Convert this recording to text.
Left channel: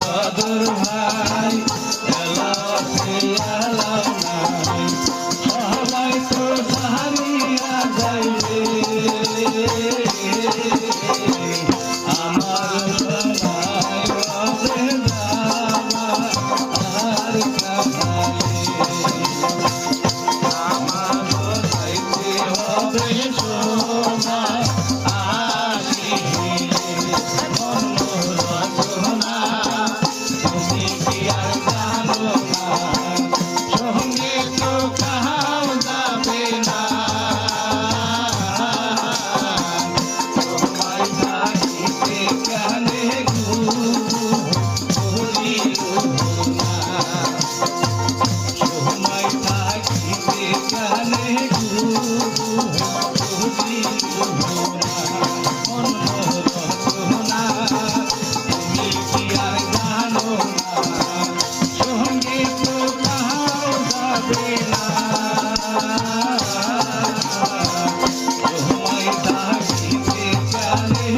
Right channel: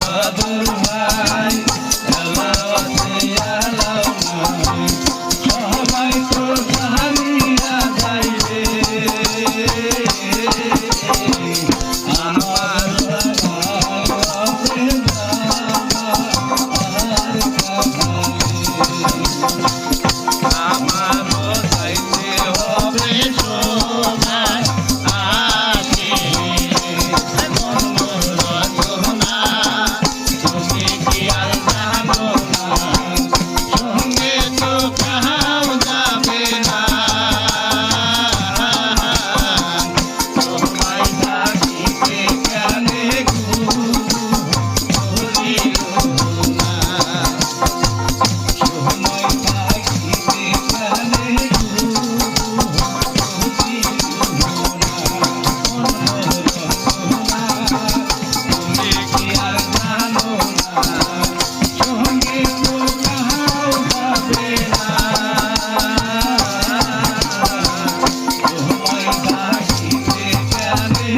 বাদুর ভাই এলাও আছে এলাও নাই সবাই তো জানিয়া যাইবে আমার জানাই হবে জামা আর আমারও যাইতে হবে সময় আসে মন রচনা তুমি কি আর জানো না সঙ্গে তো কাহাও যাবে না তোমায় থাকিতে কেনে বলিল না সময় থাকিতে কেনে তুমি কি আর জানো না সঙ্গে তো কাহাও যাবে না সময় থাকিতে কেনে